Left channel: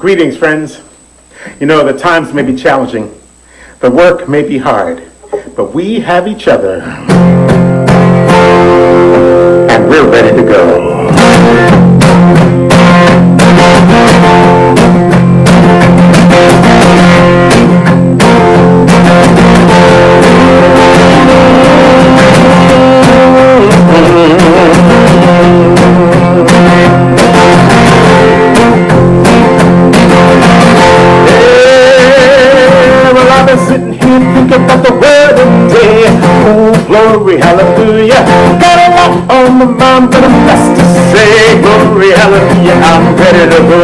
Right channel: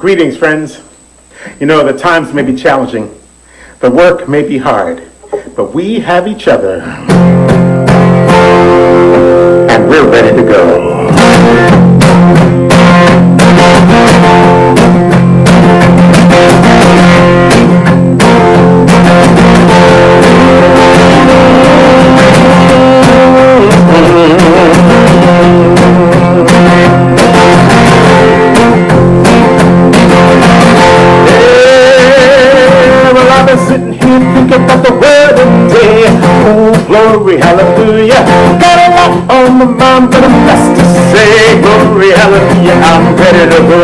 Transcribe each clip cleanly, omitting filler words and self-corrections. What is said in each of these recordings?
Greetings, friends. You know, the times may be challenging, the work may be hard, but we have each other, and we're ready to go. Hallelujah, got a lot on the mind, but I'm blessed to say, glory, hallelujah, I'm ready to go.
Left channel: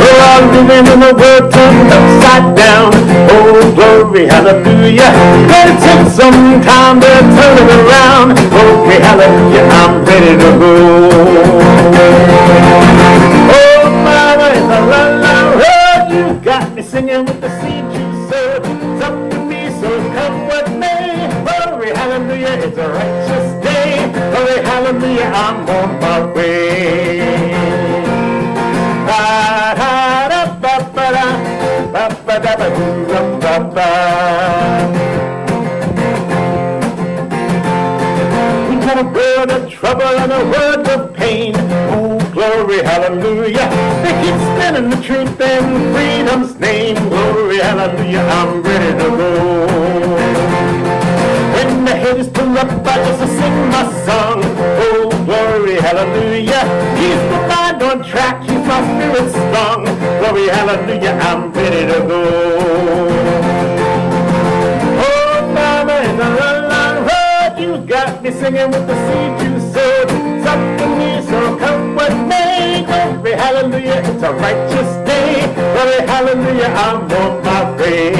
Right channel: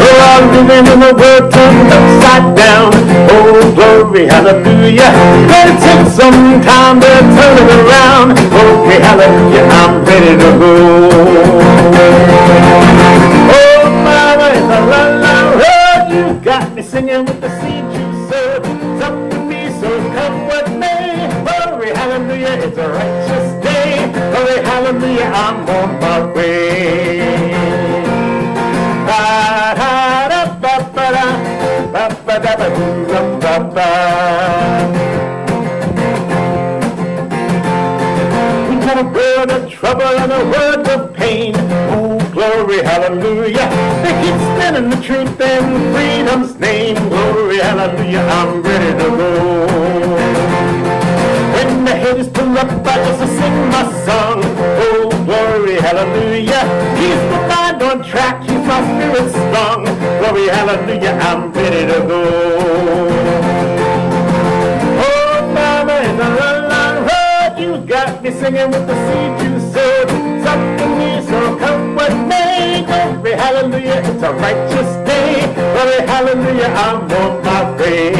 Well, I'm living in the world turned upside down, oh, glory, hallelujah, gonna take some time to turn it around, glory, hallelujah, I'm ready to go. Oh, mama, it's a la-la road, you got me singing with the seed you serve, it's up to me, so come with me. Glory, hallelujah, it's a righteous day. Glory, hallelujah, I'm on my way. We got a world of trouble and a world of pain. Oh, glory, hallelujah. The heat's standing the truth in freedom's name. Glory, hallelujah, I'm ready to go. When the haters pull up, I just sing my song. Oh, glory, hallelujah. He's the mind on track, keeps my spirit strong. Glory, hallelujah, I'm ready to go. Oh, mama, in the long road, you got me singing with the seed you sowed. It's up to me, so come with me. Glory, hallelujah, it's a righteous day. Glory, hallelujah, I'm on my way.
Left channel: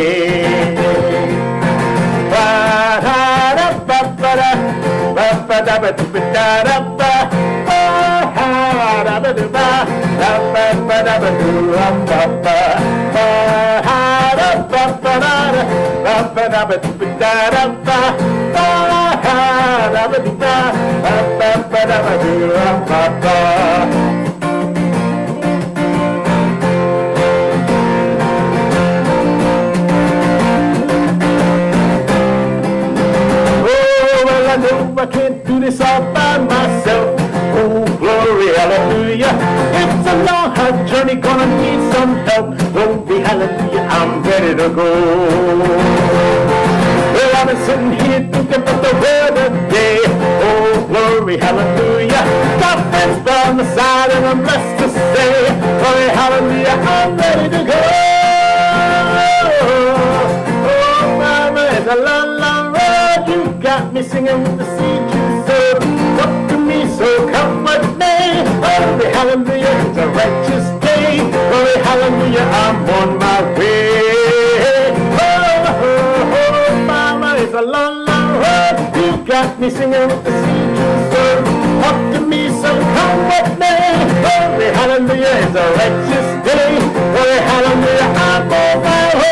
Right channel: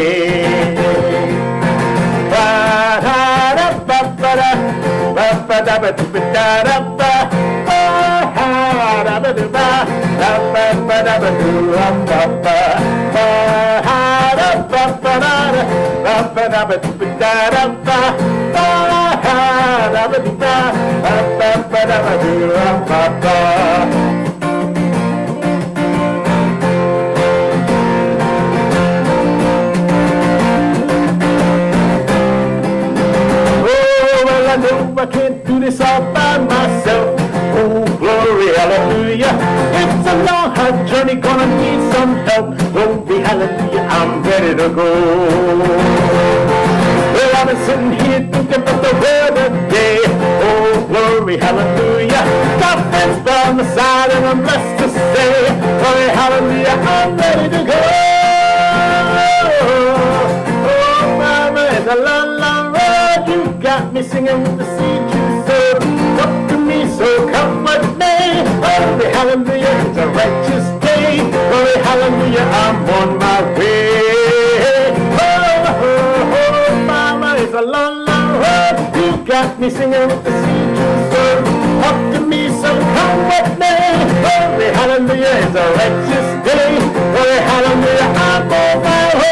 I can't do this all by myself. Oh, glory, hallelujah. It's a long, hard journey, gonna need some help. Glory, hallelujah, I'm ready to go. Well, I've been sitting here thinking about the weather day. Oh, glory, hallelujah. Got friends down the side and I'm blessed to say, glory, hallelujah, I'm ready to go. Oh, mama, it's a long, long road. You got me singing with the seed you sowed. Up to me, so come with me. Glory, hallelujah, it's a righteous day. Glory, hallelujah, I'm on my way. Oh, mama, it's a long, long road. You got me singing with the seed you sowed. Up to me, so come with me. Glory, hallelujah, it's a righteous day. Glory, hallelujah, I'm on my way.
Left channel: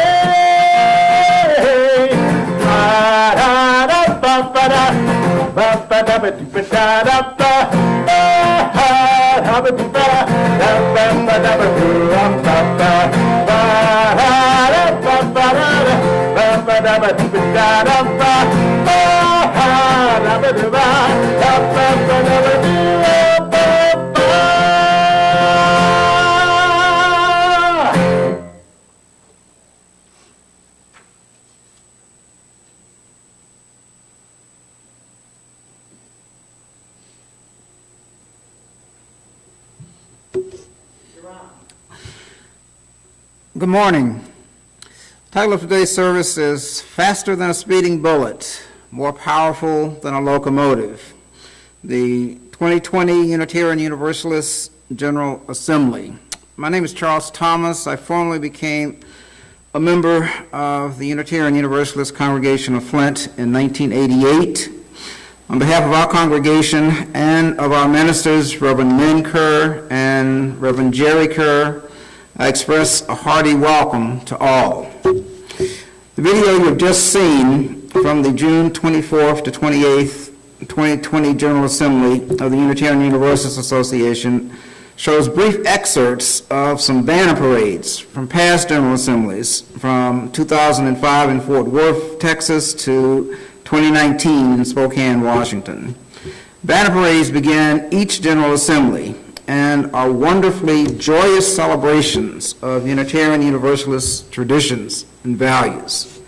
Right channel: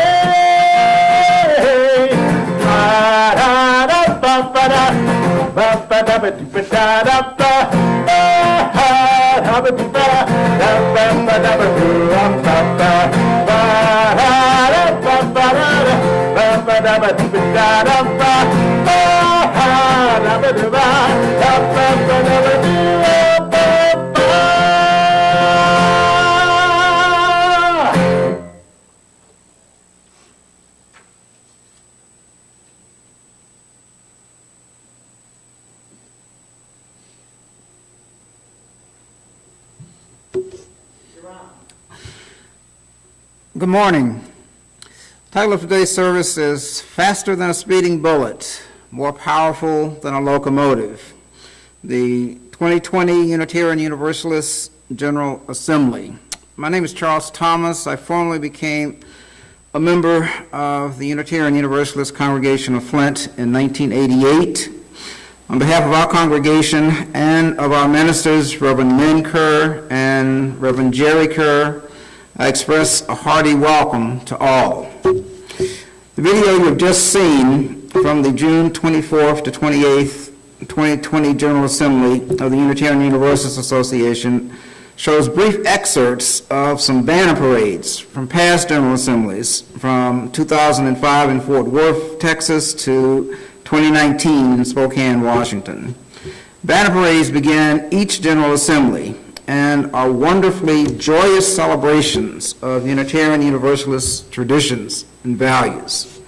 Good morning. The title of today's service is Faster Than a Speeding Bullet, More Powerful Than a Locomotive, the 2020 Unitarian Universalist General Assembly. My name is Charles Thomas. I formally became a member of the Unitarian Universalist Congregation of Flint in 1988. On behalf of our congregation and of our ministers, Reverend Lynn Kerr and Reverend Jerry Kerr, I express a hearty welcome to all. The video you've just seen from the June 24th to 28th, 2020 General Assembly of the Unitarian Universalist Association shows brief excerpts of some banner parades from past General Assemblies from 2005 in Fort Worth, Texas to 2019 in Spokane, Washington. Banner parades begin each General Assembly and are wonderfully joyous celebrations of Unitarian Universalist traditions and values.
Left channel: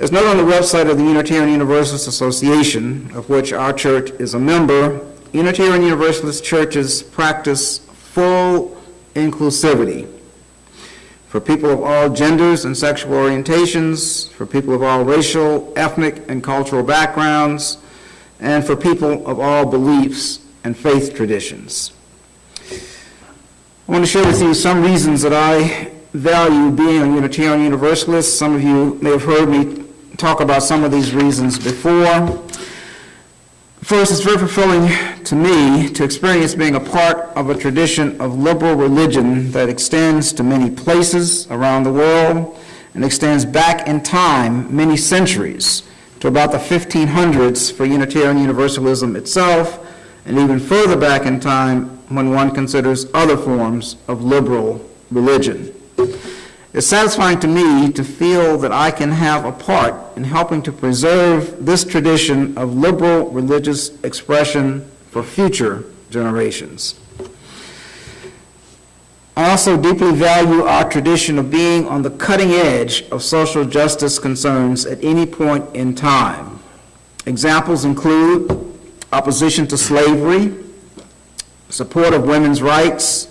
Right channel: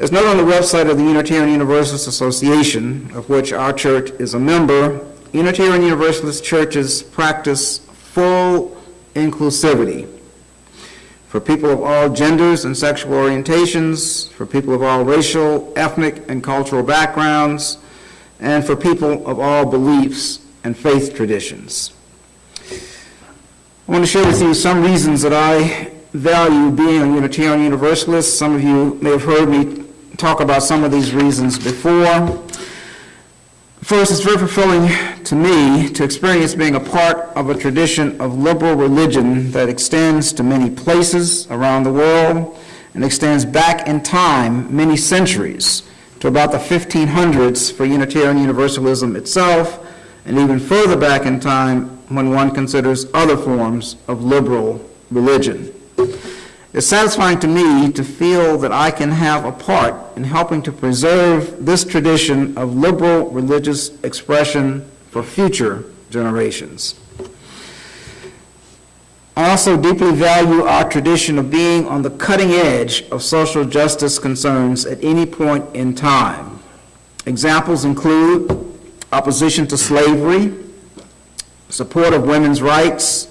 As noted on the website of the Unitarian Universalist Association, of which our church is a member, Unitarian Universalist churches practice full inclusivity for people of all genders and sexual orientations, for people of all racial, ethnic, and cultural backgrounds, and for people of all beliefs and faith traditions. I want to share with you some reasons that I value being a Unitarian Universalist. Some of you may have heard me talk about some of these reasons before. First, it's very fulfilling to me to experience being a part of a tradition of liberal religion that extends to many places around the world and extends back in time many centuries to about the 1500s for Unitarian Universalism itself, and even further back in time when one considers other forms of liberal religion. It's satisfying to me to feel that I can have a part in helping to preserve this tradition of liberal religious expression for future generations. I also deeply value our tradition of being on the cutting edge of social justice concerns at any point in time. Examples include opposition to slavery, support of women's rights,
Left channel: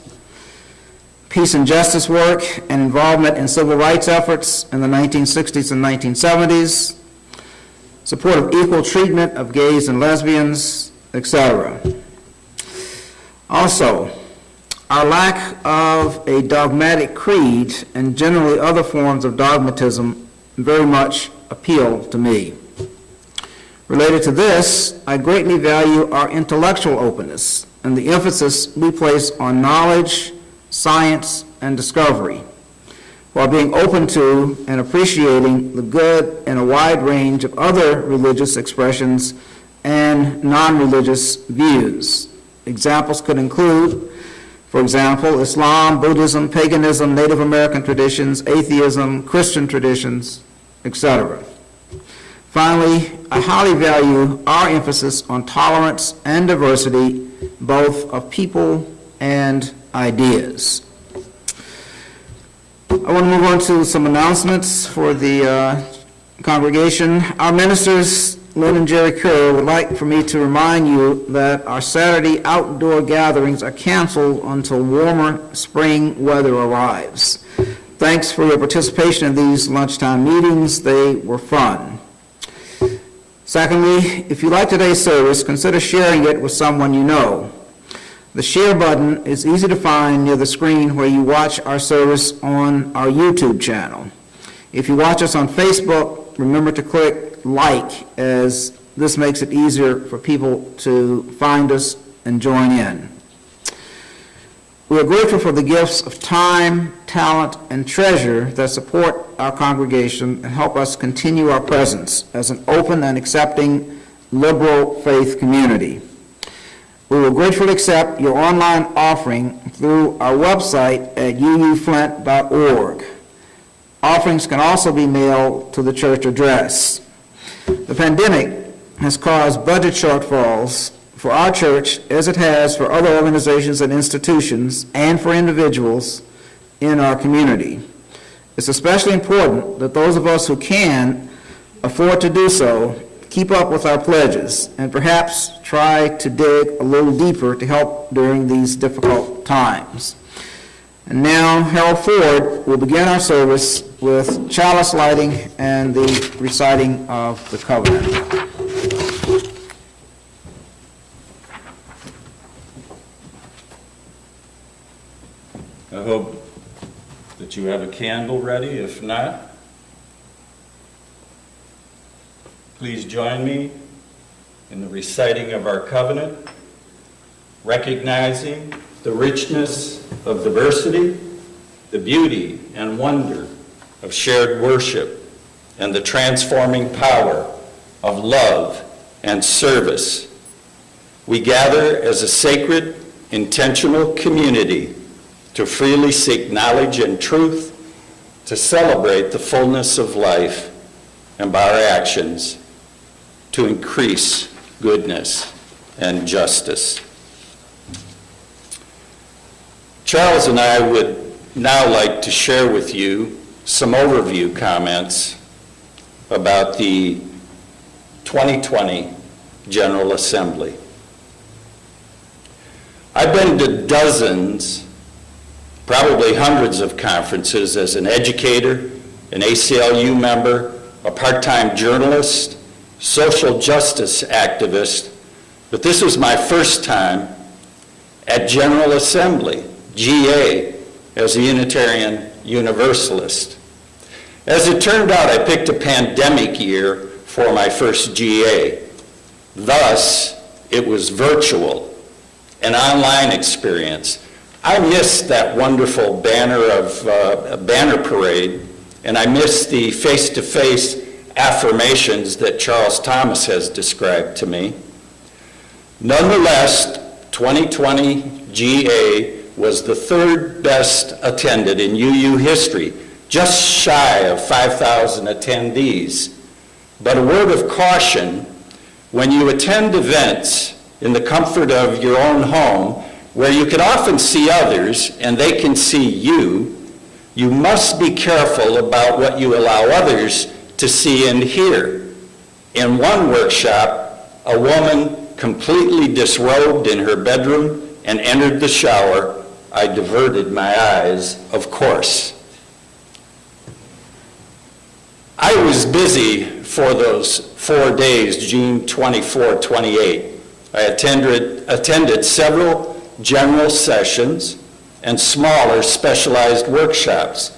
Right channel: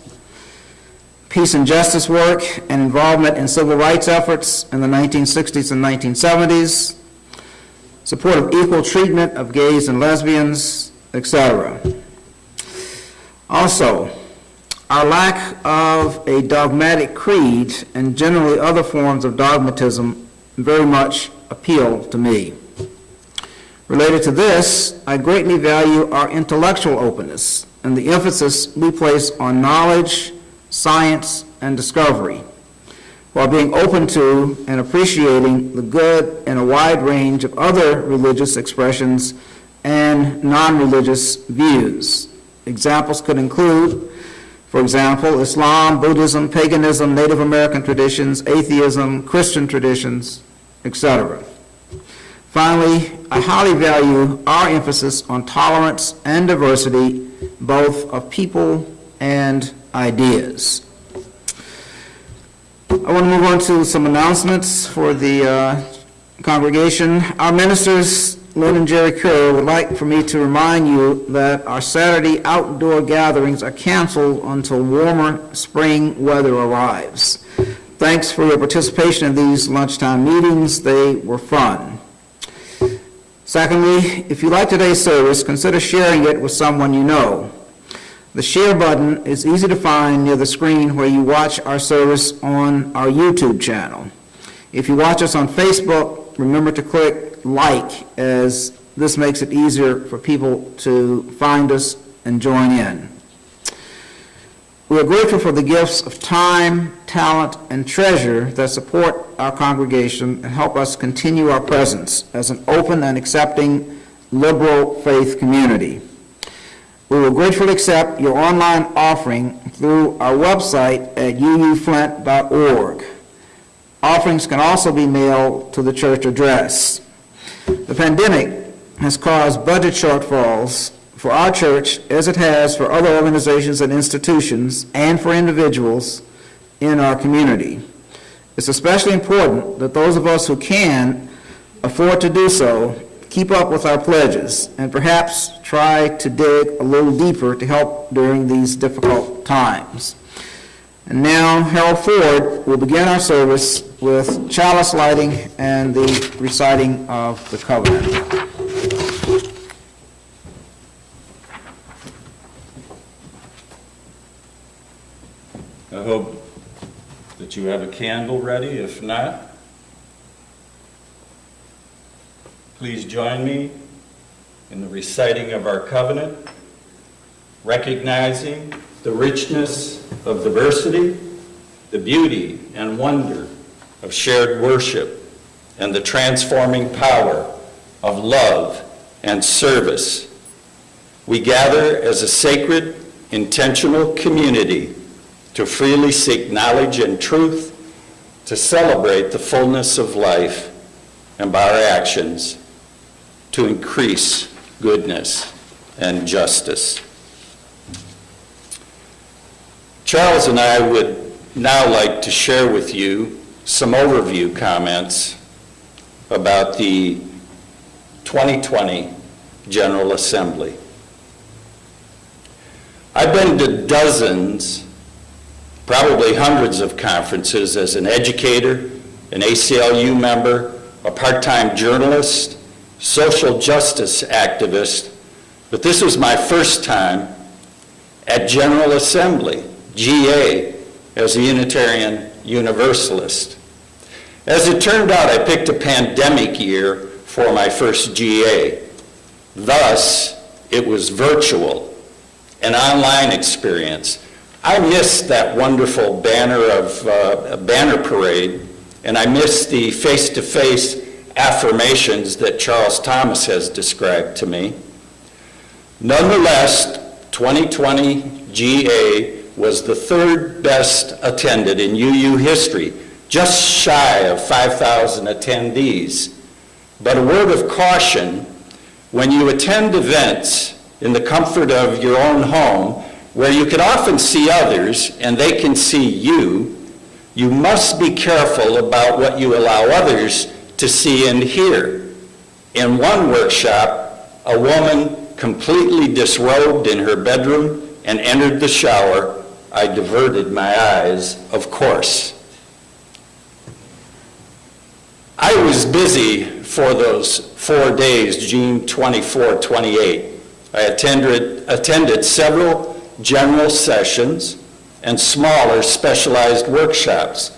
peace and justice work, and involvement in civil rights efforts in the 1960s and 1970s, support of equal treatment of gays and lesbians, etc. Also, our lack of a dogmatic creed and generally other forms of dogmatism very much appeal to me. Related to this, I greatly value our intellectual openness and the emphasis we place on knowledge, science, and discovery, while being open to and appreciating the good in a wide range of other religious expressions and non-religious views. Examples could include, for example, Islam, Buddhism, paganism, Native American traditions, atheism, Christian traditions, etc. Finally, I highly value our emphasis on tolerance and diversity, both of people and ideas. I want to move on to some announcements for the congregation. Our ministers, Lynn and Jerry Kerr, would like for me to remind you that our Saturday outdoor gatherings are canceled until warmer spring weather arrives. Thanks for your participation in these lunchtime meetings. They were fun. Secondly, if you like today's service, consider sharing it with someone you know. The share button is easy to find near the screen where you watch our service on our YouTube channel. If you watch us on Facebook, remember to click like, as this makes it easier for people to find us and join in. We are grateful for the gifts of time, talent, and treasure that support our congregation and help us continue our presence as an open and accepting liberal faith community. We will gratefully accept your online offering through our website at uuflint.org. Offerings can also be mailed to the church address. The pandemic has caused budget shortfalls for our church, as it has for other organizations and institutions, and for individuals in our community. It's especially important that those of us who can afford to do so keep up with our pledges and perhaps try to dig a little deeper to help during these difficult times. And now, Harold Ford will begin our service with chalice lighting and the reciting of the covenant. I hope that you have a candle ready. If not, please join me in the reciting of our covenant, recognizing the richness of diversity, the beauty and wonder of shared worship, and the transforming power of love and service. We gather as a sacred intentional community to freely seek knowledge and truth, to celebrate the fullness of life, and by our actions, to increase goodness and justice. Charles and I would now like to share with you some overview comments about the 2020 General Assembly. I've been to dozens, probably hundreds of conferences as an educator, an ACLU member, a part-time journalist, social justice activist, but this was my first time at General Assembly, GA, as a Unitarian Universalist. As it turned out, I picked a pandemic year for my first GA. Thus, it was virtual, an online experience. I missed that wonderful banner parade, and I missed the face-to-face affirmations that Charles Thomas has described to me. Nonetheless, 2020 GA was the third best attended in UU history, just shy of 5,000 attendees. But a word of caution, when you attend events in the comfort of your own home, where you can often see others and they can see you, you must be careful about what you allow others to see and hear. In one workshop, a woman completely disrobed in her bedroom and entered the shower. I diverted my eyes, of course. I was busy for those 4 days, June 24, 28. I attended several general sessions and smaller specialized workshops.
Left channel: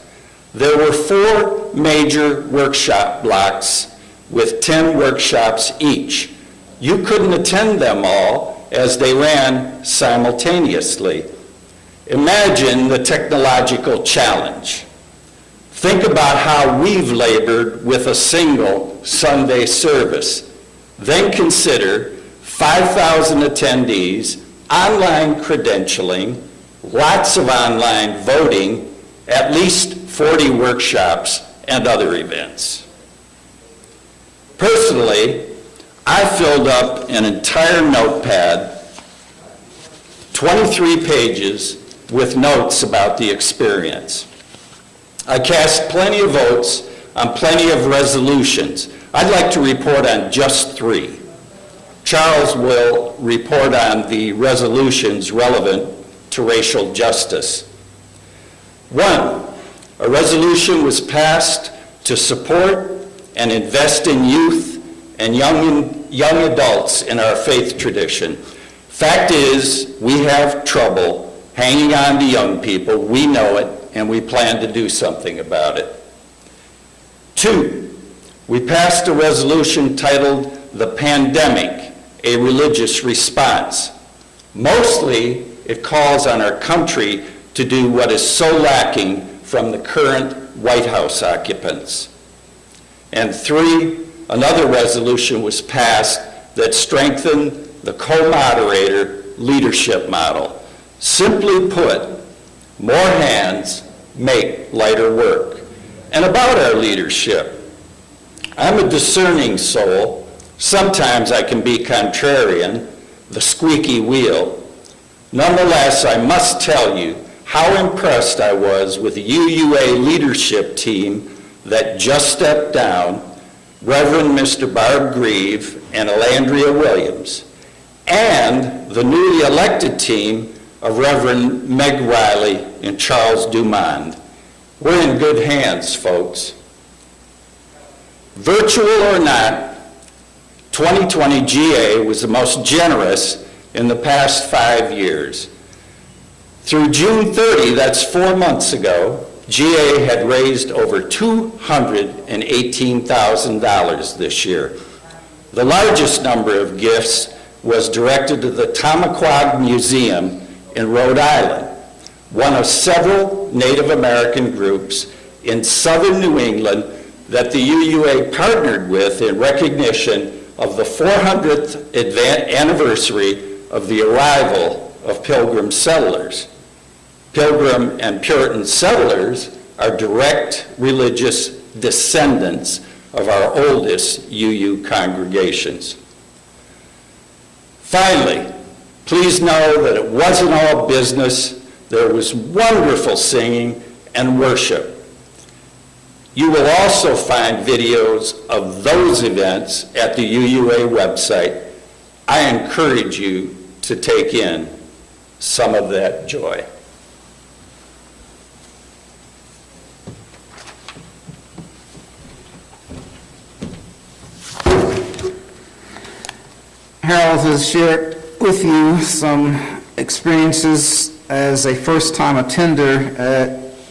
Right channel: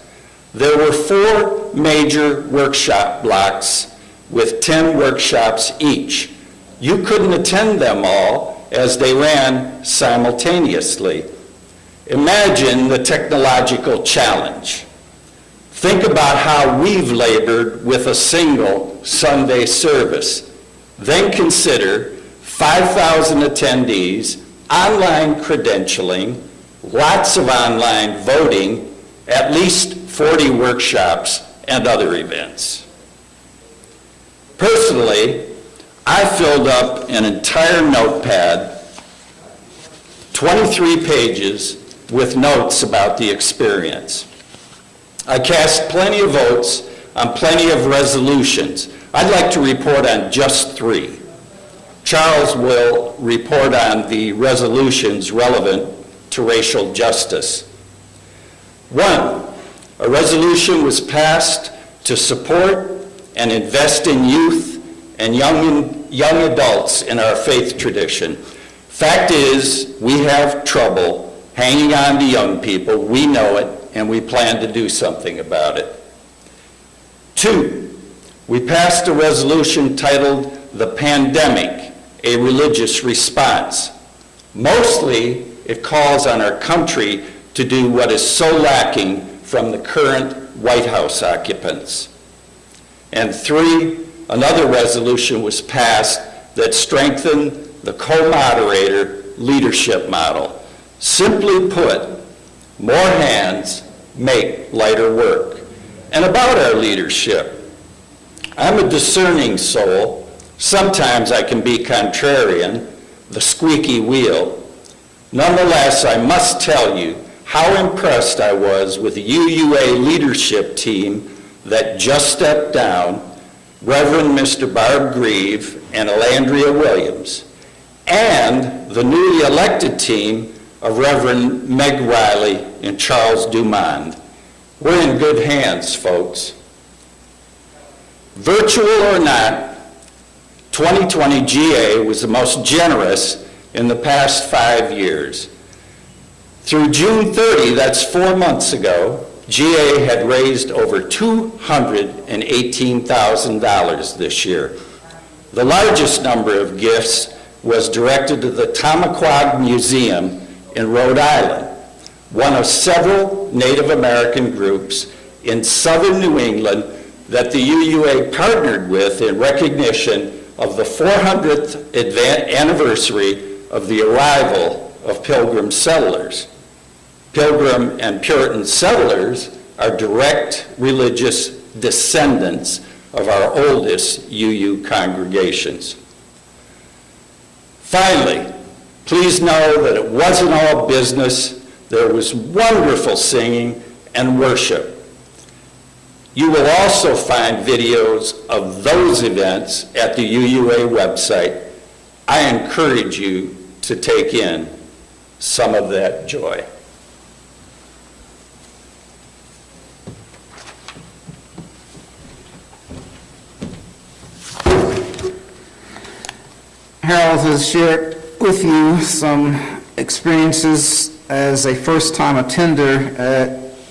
There were 4 major workshop blocks with 10 workshops each. You couldn't attend them all as they ran simultaneously. Imagine the technological challenge. Think about how we've labored with a single Sunday service. Then consider 5,000 attendees, online credentialing, lots of online voting, at least 40 workshops, and other events. Personally, I filled up an entire notepad, 23 pages, with notes about the experience. I cast plenty of votes on plenty of resolutions. I'd like to report on just 3. Charles will report on the resolutions relevant to racial justice. 1, a resolution was passed to support and invest in youth and young adults in our faith tradition. Fact is, we have trouble hanging on to young people. We know it, and we plan to do something about it. 2, we passed a resolution titled "The Pandemic, a Religious Response." Mostly, it calls on our country to do what is so lacking from the current White House occupants. And 3, another resolution was passed that strengthened the co-moderator leadership model. Simply put, more hands make lighter work. And about our leadership, I'm a discerning soul. Sometimes I can be contrarian, the squeaky wheel. Nonetheless, I must tell you how impressed I was with the UUA leadership team that just stepped down, Reverend Mr. Barb Grieve and Elandria Williams, and the newly elected team of Reverend Meg Riley and Charles Dumond. We're in good hands, folks. Virtual or not, 2020 GA was the most generous in the past 5 years. Through June 30, that's 4 months ago, GA had raised over $218,000 this year. The largest number of gifts was directed to the Tamaqua Museum in Rhode Island, one of several Native American groups in southern New England that the UUA partnered with in recognition of the 400th anniversary of the arrival of Pilgrim settlers. Pilgrim and Puritan settlers are direct religious descendants of our oldest UU congregations. Finally, please know that it wasn't all business. There was wonderful singing and worship. You will also find videos of those events at the UUA website. I encourage you to take in some of that joy. Harold has shared with you some experiences as a first-time attender at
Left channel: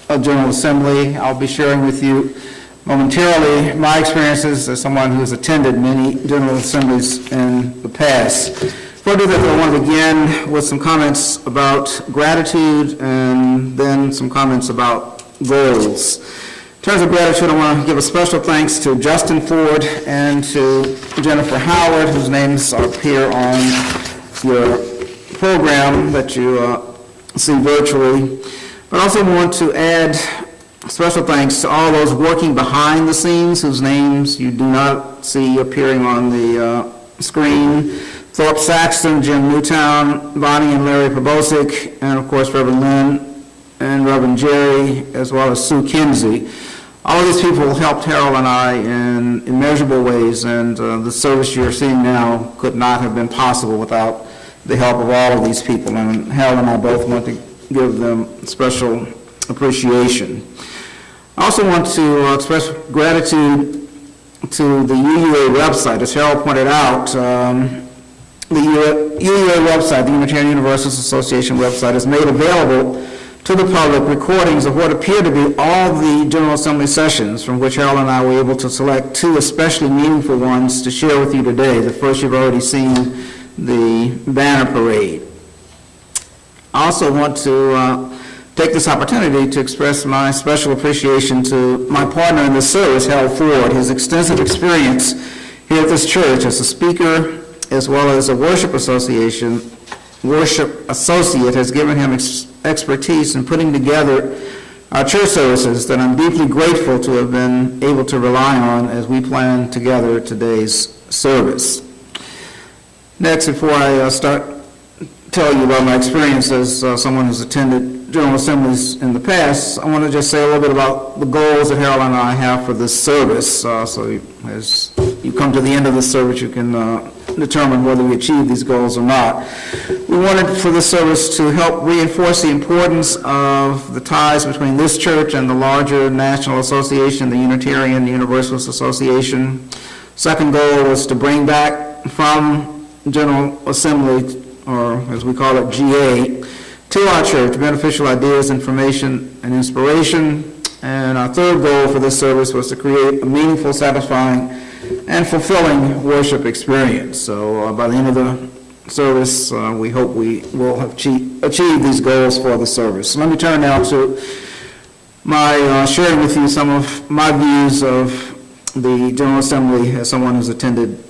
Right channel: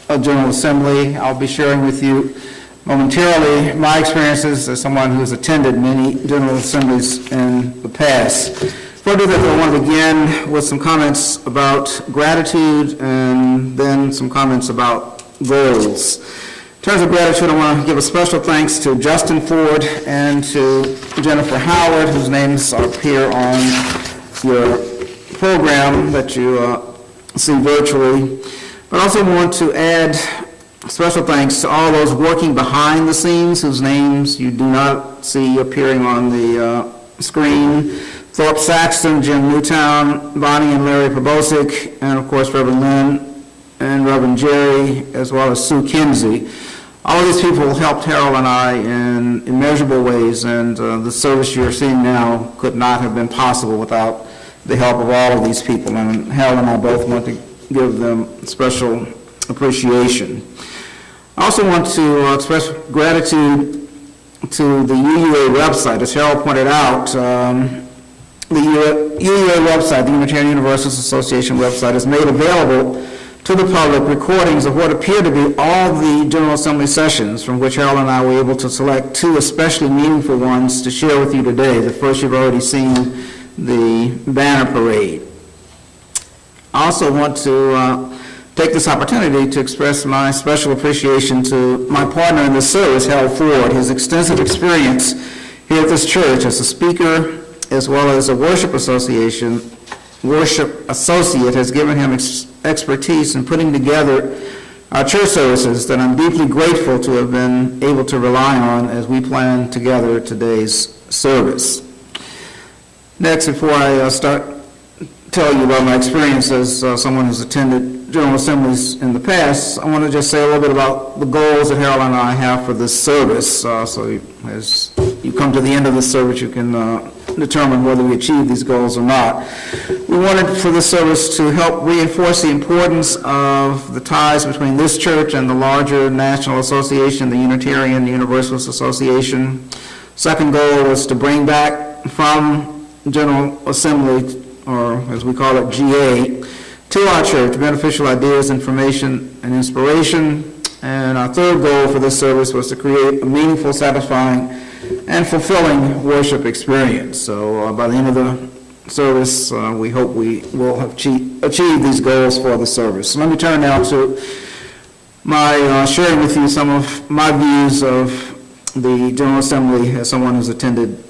a General Assembly. I'll be sharing with you momentarily my experiences as someone who has attended many General Assemblies in the past. Before I do that, I want to begin with some comments about gratitude and then some comments about goals. In terms of gratitude, I want to give a special thanks to Justin Ford and to Jennifer Howard, whose names appear on your program that you see virtually. But I also want to add special thanks to all those working behind the scenes, whose names you do not see appearing on the screen. Thorpe Saxton, Jim Newtown, Bonnie and Larry Probosic, and of course Reverend Lynn and Reverend Jerry, as well as Sue Kinsey. All of these people helped Harold and I in immeasurable ways, and the service you're seeing now could not have been possible without the help of all of these people, and Harold and I both want to give them special appreciation. I also want to express gratitude to the UUA website. As Harold pointed out, the UUA website, the Unitarian Universalist Association website, has made available to the public recordings of what appear to be all the General Assembly sessions, from which Harold and I were able to select two especially meaningful ones to share with you today. The first you've already seen, the banner parade. I also want to take this opportunity to express my special appreciation to my partner in this service, Harold Ford. His extensive experience here at this church as a speaker as well as a worship associate has given him expertise in putting together our church services that I'm deeply grateful to have been able to rely on as we plan together today's service. Next, before I start telling you about my experience as someone who's attended General Assemblies in the past, I want to just say a little bit about the goals that Harold and I have for this service. So as you come to the end of this service, you can determine whether we achieve these goals or not. We wanted for this service to help reinforce the importance of the ties between this church and the larger national association, the Unitarian Universalist Association. Second goal was to bring back from General Assembly, or as we call it, GA, to our church beneficial ideas, information, and inspiration. And our third goal for this service was to create a meaningful, satisfying, and fulfilling worship experience. So by the end of the service, we hope we will have achieved these goals for the service. So let me turn now to my sharing with you some of my views of the General Assembly as someone who's attended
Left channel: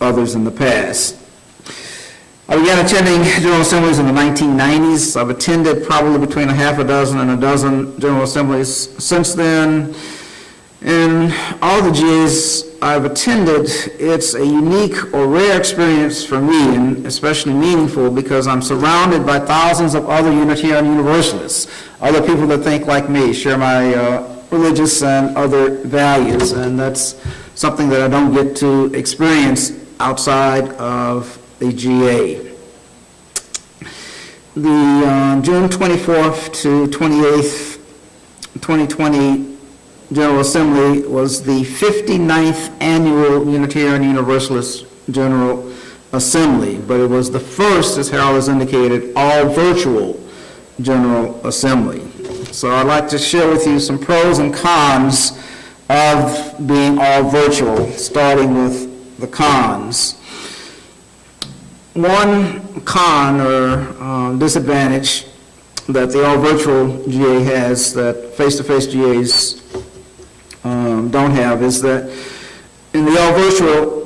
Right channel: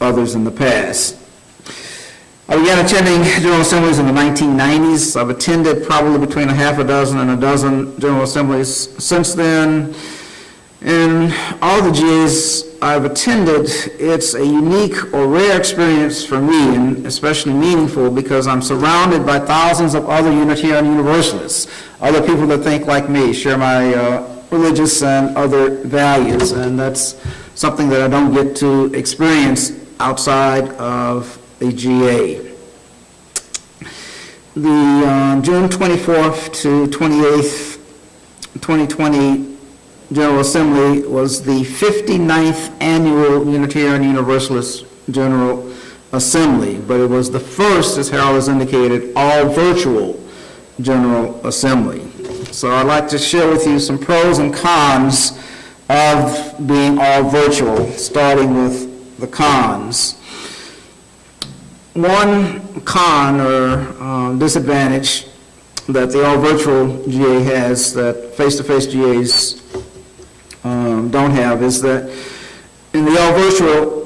others in the past. I began attending General Assemblies in the 1990s. I've attended probably between a half a dozen and a dozen General Assemblies since then. In all the GAs I've attended, it's a unique or rare experience for me, and especially meaningful because I'm surrounded by thousands of other Unitarian Universalists, other people that think like me, share my religious and other values, and that's something that I don't get to experience outside of a GA. The June 24th to 28th, 2020 General Assembly was the 59th Annual Unitarian Universalist General Assembly, but it was the first, as Harold has indicated, all-virtual General Assembly. So I'd like to share with you some pros and cons of being all-virtual, starting with the cons. One con or disadvantage that the all-virtual GA has that face-to-face GAs don't have is that in the all-virtual,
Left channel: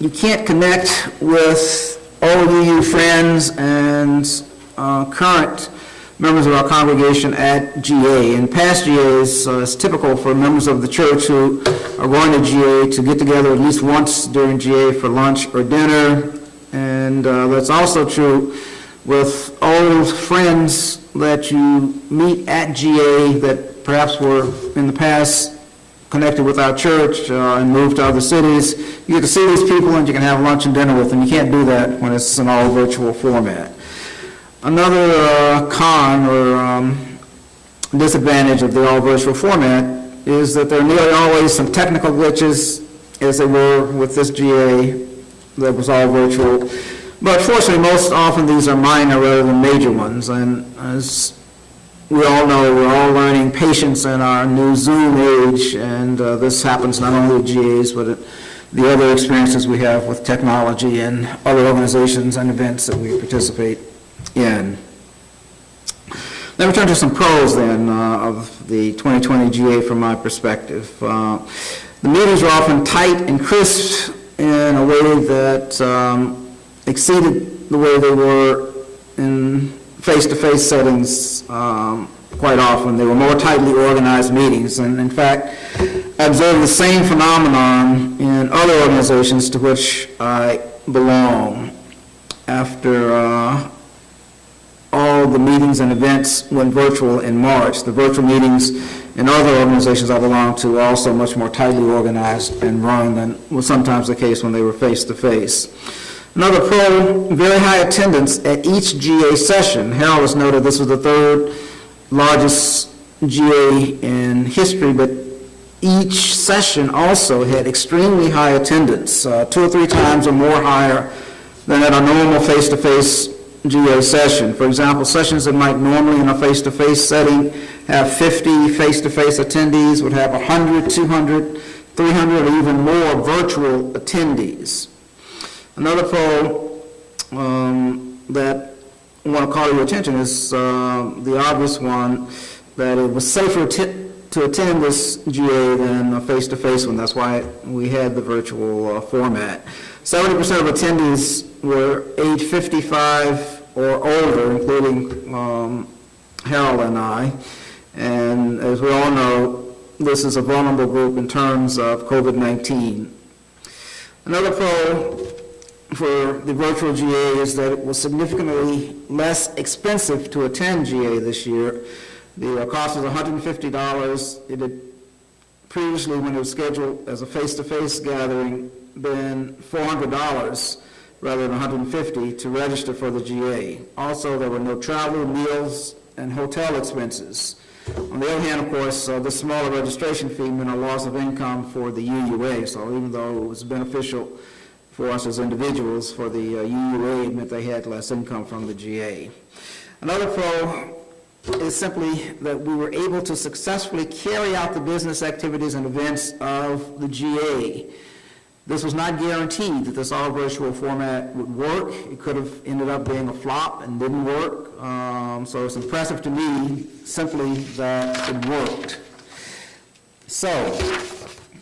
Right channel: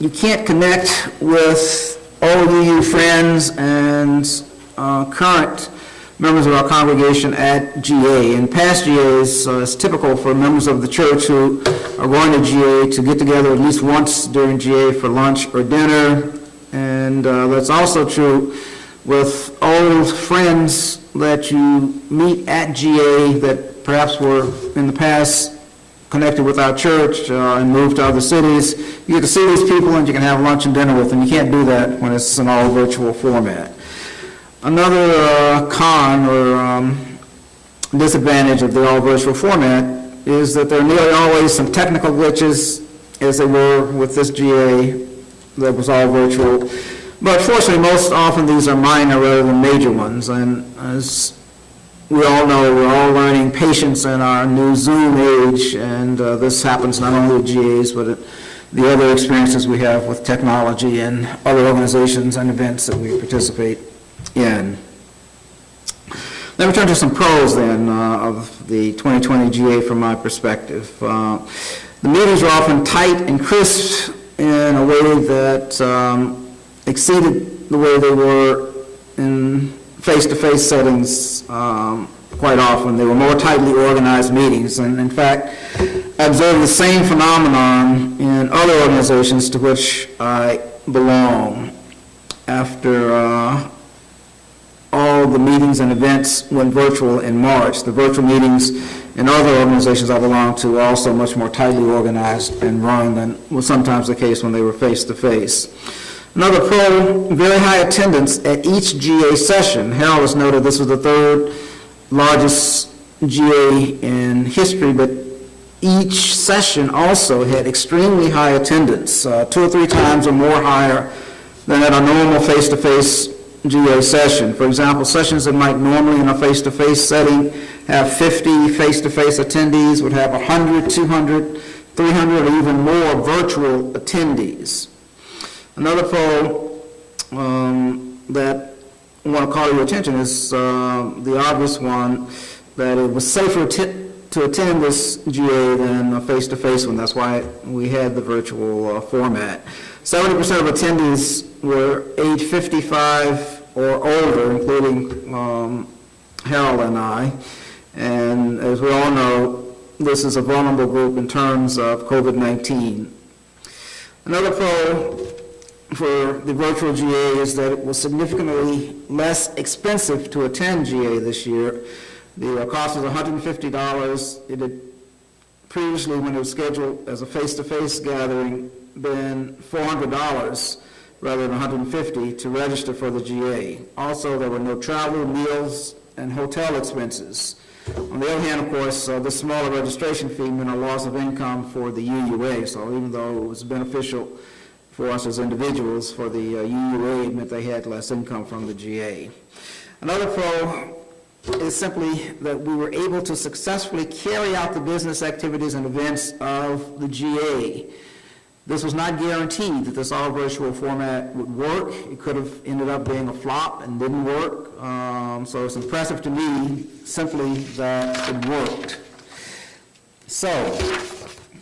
you can't connect with all of you friends and current members of our congregation at GA. In past GAs, it's typical for members of the church who are going to GA to get together at least once during GA for lunch or dinner. And that's also true with old friends that you meet at GA that perhaps were in the past connected with our church and moved to other cities. You get to see these people and you can have lunch and dinner with them. You can't do that when it's an all virtual format. Another con or disadvantage of the all virtual format is that there are nearly always some technical glitches, as there were with this GA that was all virtual. But fortunately, most often these are minor rather than major ones. And as we all know, we're all learning patience in our new Zoom age, and this happens not only at GAs, but at the other experiences we have with technology and other organizations and events that we participate in. Let me turn to some pros then of the 2020 GA from my perspective. The meetings are often tight and crisp in a way that exceeded the way they were in face-to-face settings quite often. They were more tightly organized meetings, and in fact, I observed the same phenomenon in other organizations to which I belong. After all the meetings and events went virtual in March, the virtual meetings in other organizations I belong to are also much more tightly organized and run than was sometimes the case when they were face-to-face. Another pro, very high attendance at each GA session. Harold has noted this was the third largest GA in history, but each session also had extremely high attendance, 2 or 3 times or more higher than at a normal face-to-face GA session. For example, sessions that might normally in a face-to-face setting have 50 face-to-face attendees would have 100, 200, 300, or even more virtual attendees. Another pro that I want to call your attention is the obvious one, that it was safer to attend this GA than a face-to-face one. That's why we had the virtual format. 70% of attendees were age 55 or older, including Harold and I. And as we all know, this is a vulnerable group in terms of COVID-19. Another pro for the virtual GA is that it was significantly less expensive to attend GA this year. The cost was $150. It had previously, when it was scheduled as a face-to-face gathering, been $400 rather than $150 to register for the GA. Also, there were no travel, meals, and hotel expenses. On the other hand, of course, the smaller registration fee meant a loss of income for the UUA. So even though it was beneficial for us as individuals, for the UUA, it meant they had less income from the GA. Another pro is simply that we were able to successfully carry out the business activities and events of the GA. This was not guaranteed that this all virtual format would work. It could have ended up being a flop and didn't work. So it's impressive to me simply that it worked. So,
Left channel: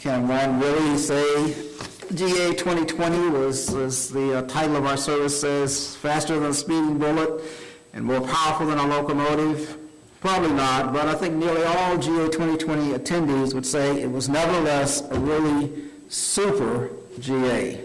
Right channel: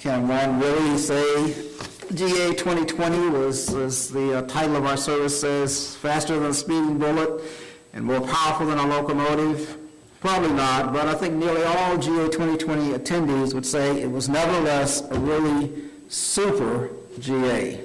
can one really say GA 2020 was, as the title of our service says, faster than a speeding bullet and more powerful than a locomotive? Probably not, but I think nearly all GA 2020 attendees would say it was nevertheless a really super GA.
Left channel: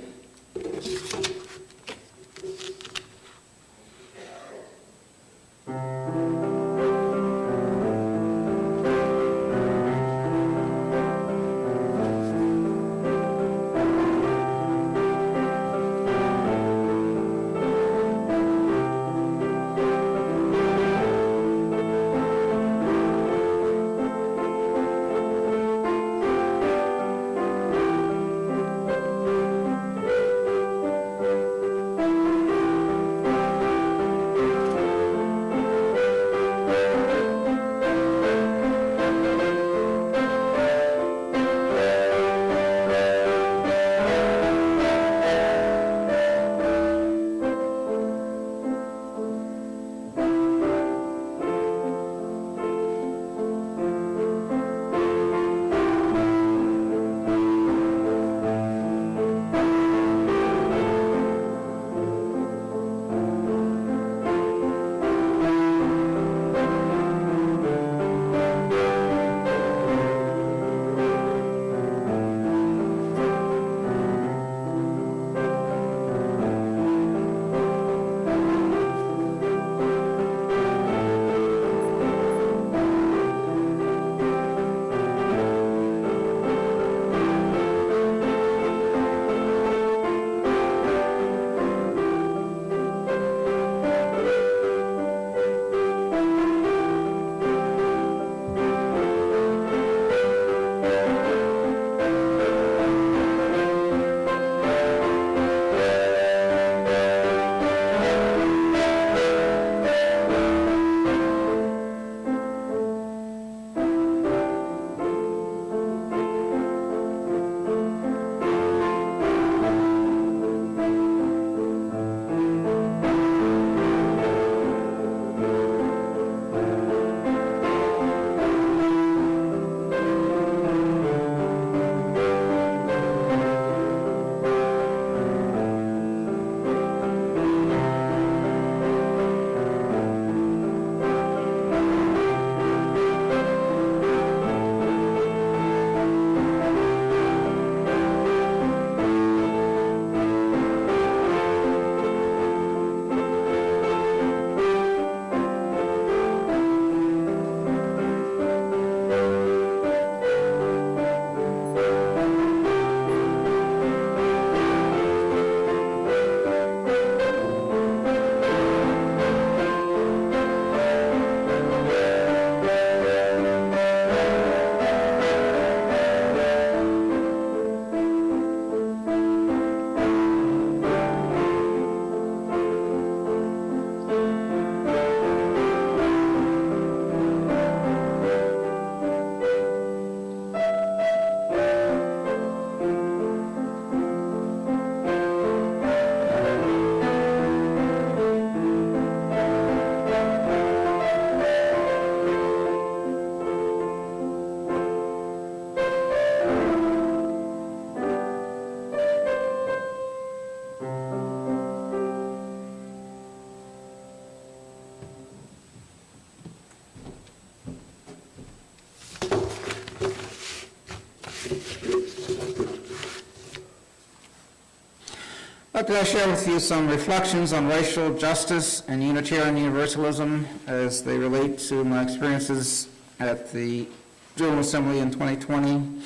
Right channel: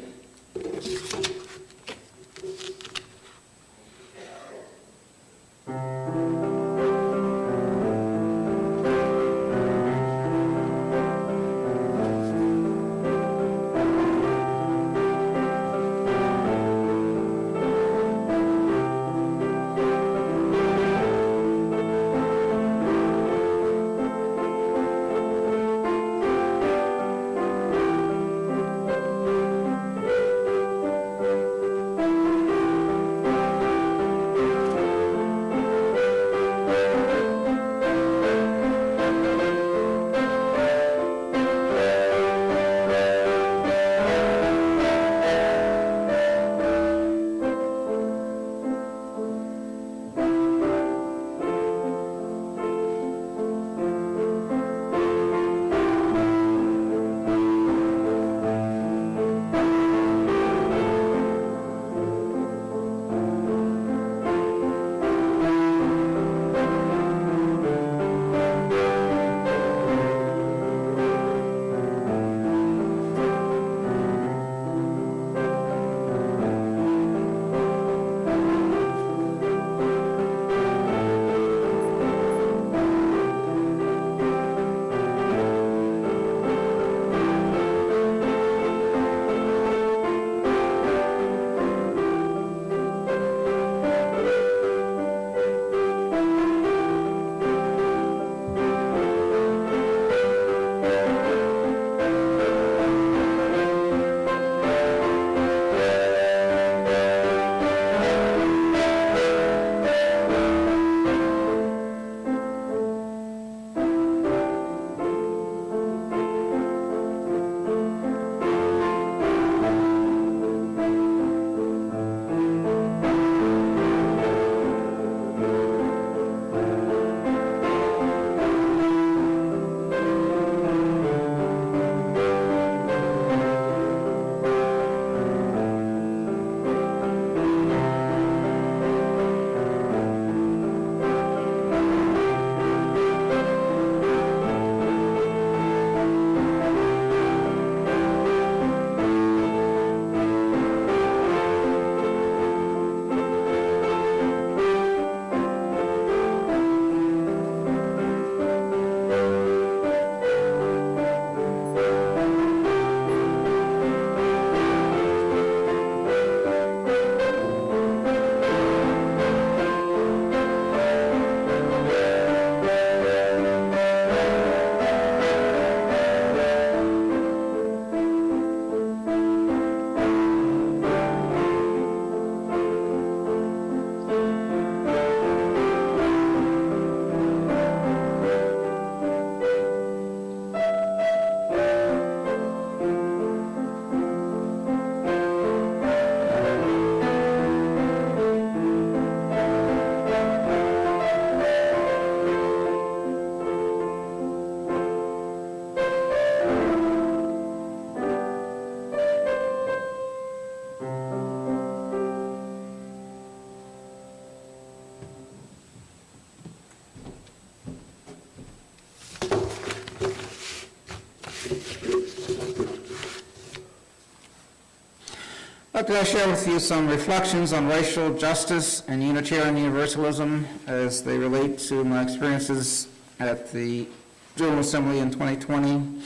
Today I share with you some reflections on racial justice and Unitarian Universalism as they relate to my experiences at the General Assembly in 2020.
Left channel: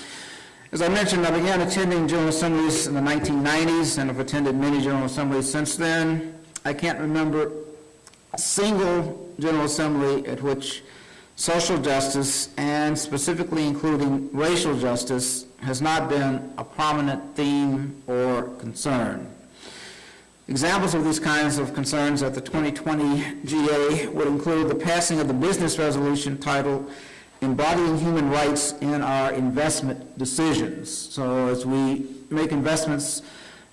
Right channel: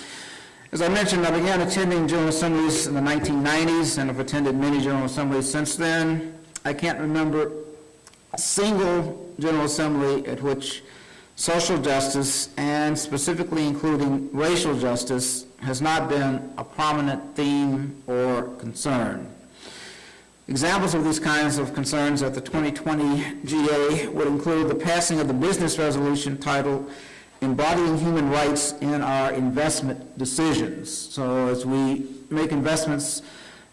As I mentioned, I began attending General Assemblies in the 1990s and have attended many General Assemblies since then. I can't remember a single General Assembly at which social justice, and specifically including racial justice, has not been a prominent theme or concern. Examples of these kinds of concerns at the 2020 GA would include the passing of the business resolution titled Embodying Human Rights in Our Investment Decisions. So as we make investments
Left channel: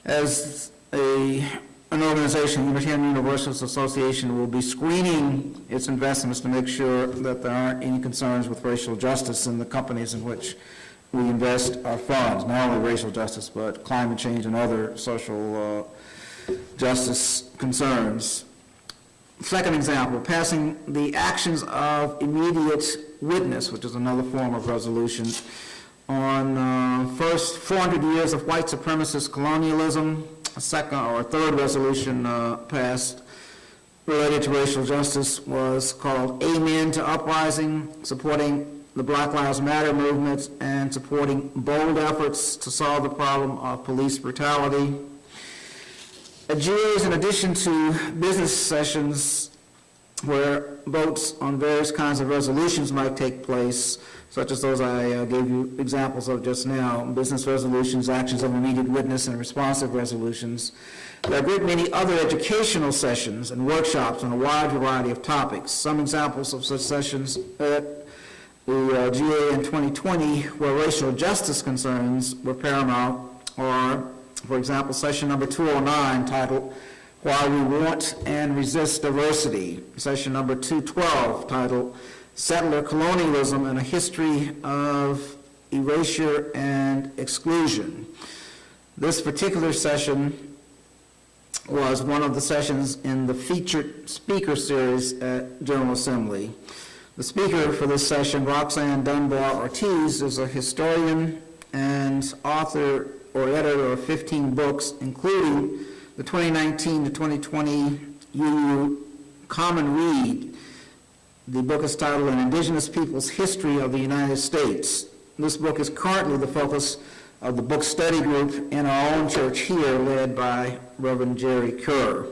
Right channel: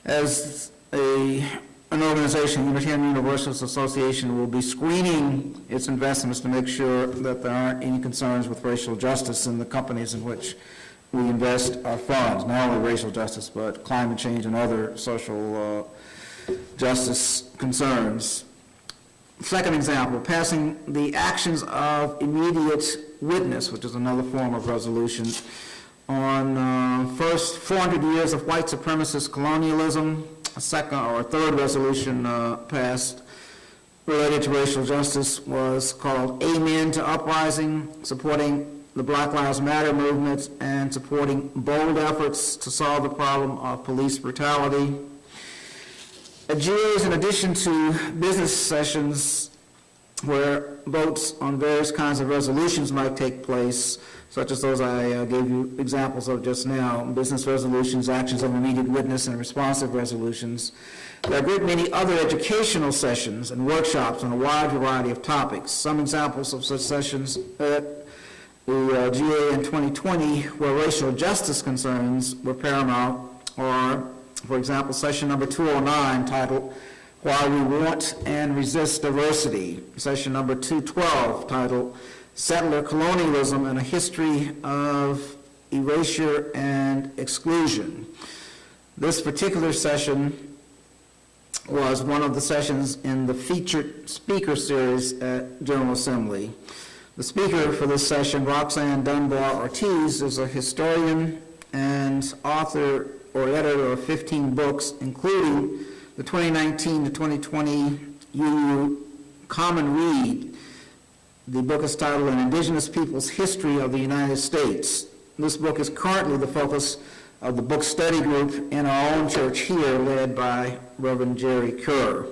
as an organization, Unitarian Universalist Association will be screening its investments to make sure that there aren't any concerns with racial justice in the companies in which we invest our funds. Not only racial justice, but climate change and other social justice concerns. Second example, passing the actions of immediate witness, which is another form of resolution, on first 400 years of white supremacist colonialism. A second or third resolution passed related to racial justice was called Amen to Uprising, supporting the Black Lives Matter movement and supporting bold efforts to solve the problem of police brutality. At GAs, in addition to business sessions where votes on various kinds of resolutions might take place, such as those I gave you examples of just now, business resolutions, actions of immediate witness, and responsive resolutions, there are a great many other educational sessions and workshops on a wide variety of topics. Some examples of such sessions at the GA in 2020 where racial justice concerns were paramount are, for example, session number 209 titled Why We Want and Resist Diversity, session number 212 titled Settler Colonialism and a History of Erasure and Exclusion. This particular session was one of the sessions in the featured speaker series at General Assembly. The speaker for this session, Roxanne Dunbar Ortiz, is a historian and author or editor of 15 books, including the 2019 to 2020 UU Common Read. The book is titled An Indigenous People's History of the United States. This book is currently the focus of the book study group in our own church here, led by Reverend Jerry Kerr.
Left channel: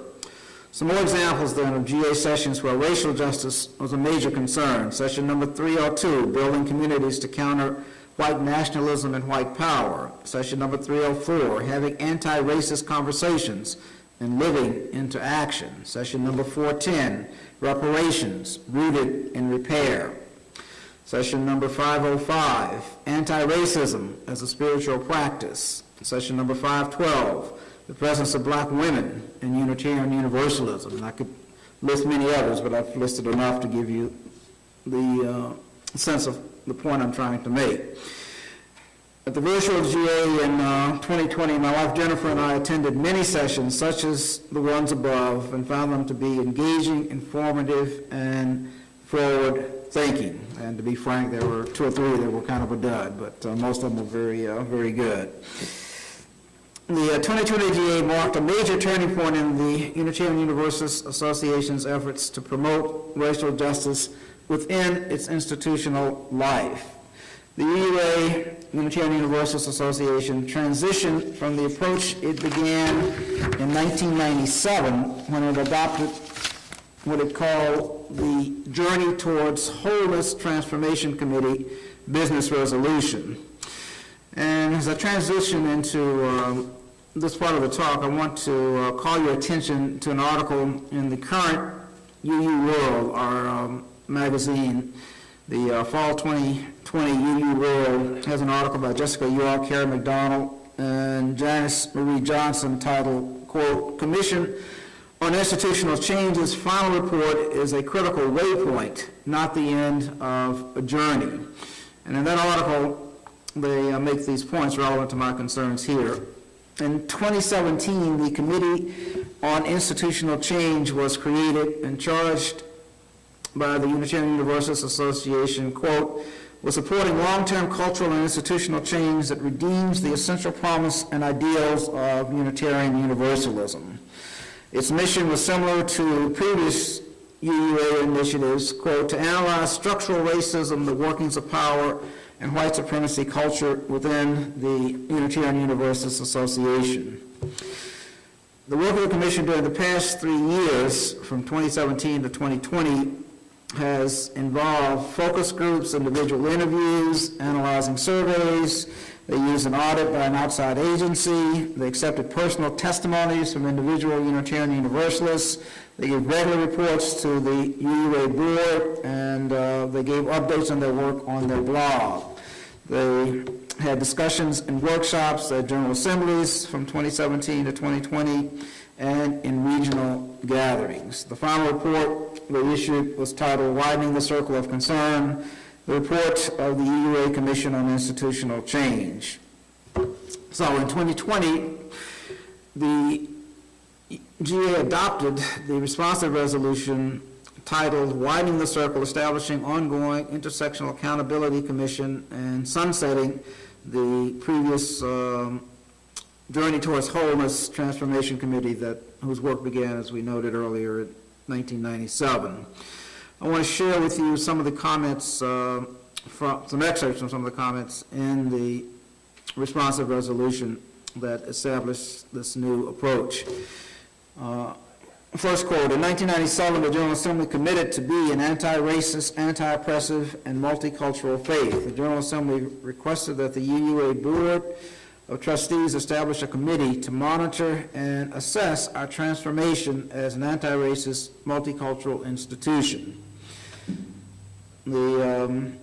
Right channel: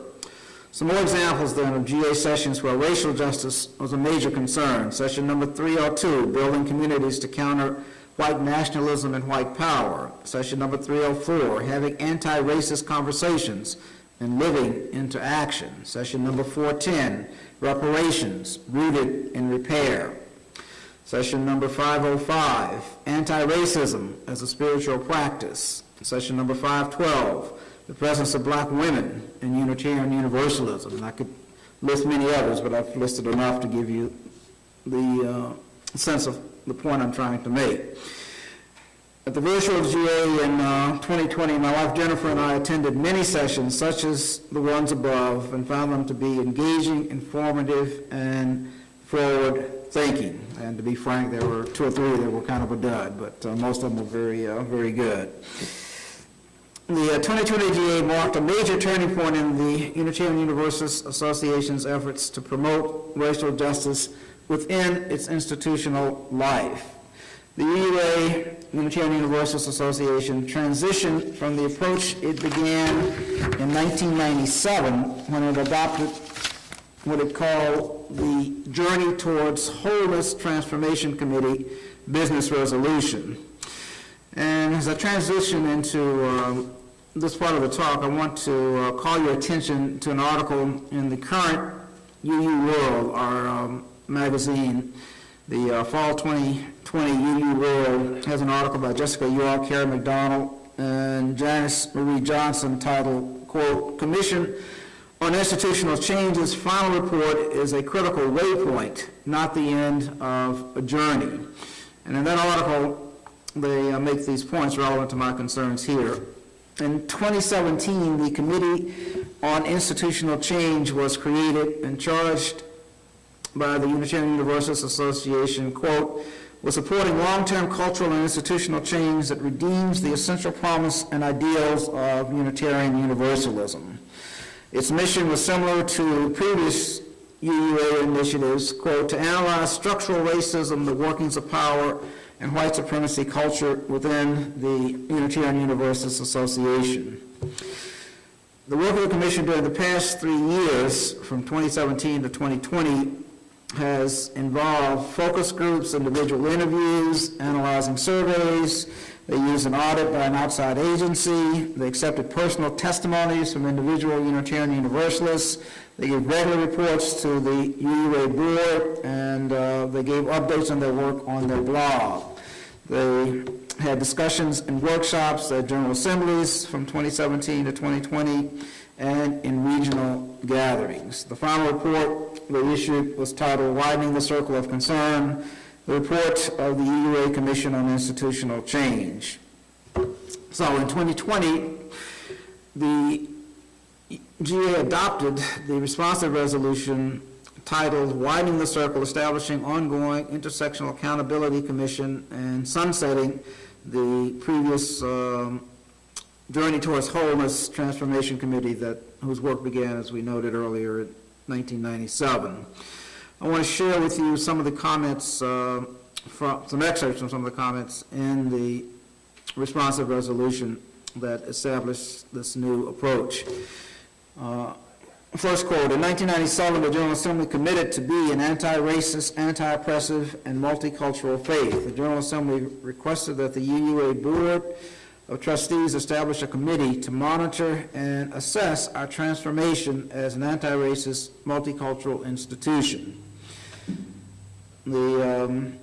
Some more examples then of GA sessions where racial justice was a major concern. Session number 302, Building Communities to Counter White Nationalism and White Power. Session number 304, Having Anti-Racist Conversations and Living into Action. Session number 410, Reparations, Rooted in Repair. Session number 505, Anti-Racism as a Spiritual Practice. Session number 512, The Presence of Black Women in Unitarian Universalism. And I could list many others, but I've listed enough to give you the sense of the point I'm trying to make. At the virtual GA in 2020, my wife Jennifer and I attended many sessions such as the ones above and found them to be engaging, informative, and forward-thinking. And to be frank, there were two or three that were kind of a dud, but most of them were very good. The 2020 GA marked a major turning point in the Unitarian Universalist Association's efforts to promote racial justice within its institutional life. The UUA, Unitarian Universalist Association, transitioned from the approach it began in 1997 when it adopted what it called the Journey Towards Wholeness Transformation Committee Business Resolution. And as I transition into this part of the talk, I want to call your attention to an article in the current UU World, our magazine. The Fall 2020 UU World has an article by Jessica York, Carrie McDonald, and Janice Marie Johnson titled, quote, Commission on Institutional Change's final report is a critical waypoint, not the end of a journey. And in that article, they make these points relevant to my concerns here. In 2017, the Committee on Institutional Change was created and charged by the Unitarian Universalist Association, quote, was supporting long-term cultural and institutional change that redeems the essential promise and ideals of Unitarian Universalism. Its mission was similar to previous UUA initiatives, quote, to analyze structural racism, the workings of power, and white supremacy culture within the Unitarian Universalist Association. The work of the Commission during the past 3 years, from 2017 to 2020, has involved focus groups, individual interviews, analyzing surveys. They used an audit by an outside agency. They accepted personal testimonies from individual Unitarian Universalists. They gave regular reports to the UUA board, and they gave updates on their work on their blog. They had discussions and workshops at General Assemblies from 2017 to 2020 and in regional gatherings. The final report they issued was titled Widening the Circle of Concern, the report of the UUA Commission on Institutional Change. So in 2020, the GA adopted the responsive resolution titled Widening the Circle, Establishing Ongoing Intersectional Accountability Commission and Sunsetting the previous Journey Towards Wholeness Transformation Committee whose work began, as we noted earlier, in 1997. I want to share with you some of the comments, some excerpts from some of the comments in the responsive resolution that established this new approach. First quote, in 1997, the General Assembly committed to be an anti-racist, anti-oppressive, and multicultural faith. The General Assembly requested that the UUA Board of Trustees establish a committee to monitor and assess our transformation as an anti-racist, multicultural institution. The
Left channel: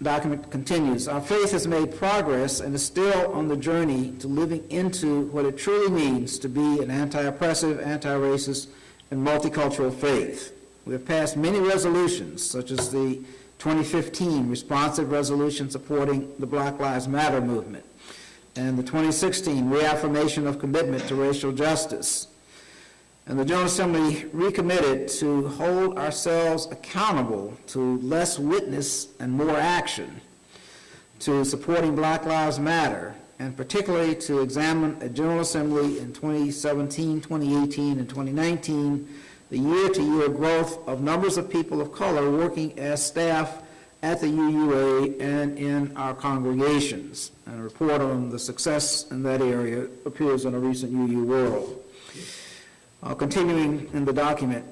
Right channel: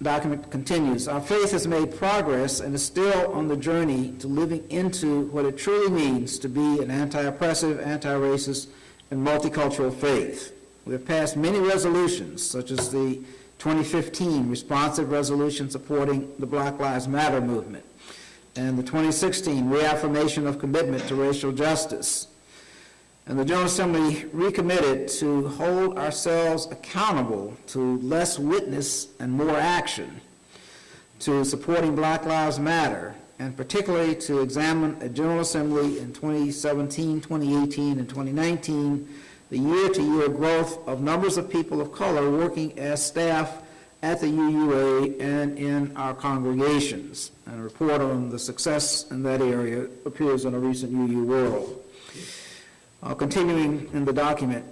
document continues, our faith has made progress and is still on the journey to living into what it truly means to be an anti-oppressive, anti-racist, and multicultural faith. We have passed many resolutions, such as the 2015 responsive resolution supporting the Black Lives Matter movement, and the 2016 reaffirmation of commitment to racial justice. And the General Assembly recommitted to hold ourselves accountable to less witness and more action, to supporting Black Lives Matter, and particularly to examine at General Assembly in 2017, 2018, and 2019 the year-to-year growth of numbers of people of color working as staff at the UUA and in our congregations. And a report on the success in that area appears in a recent UU World. Continuing in the document,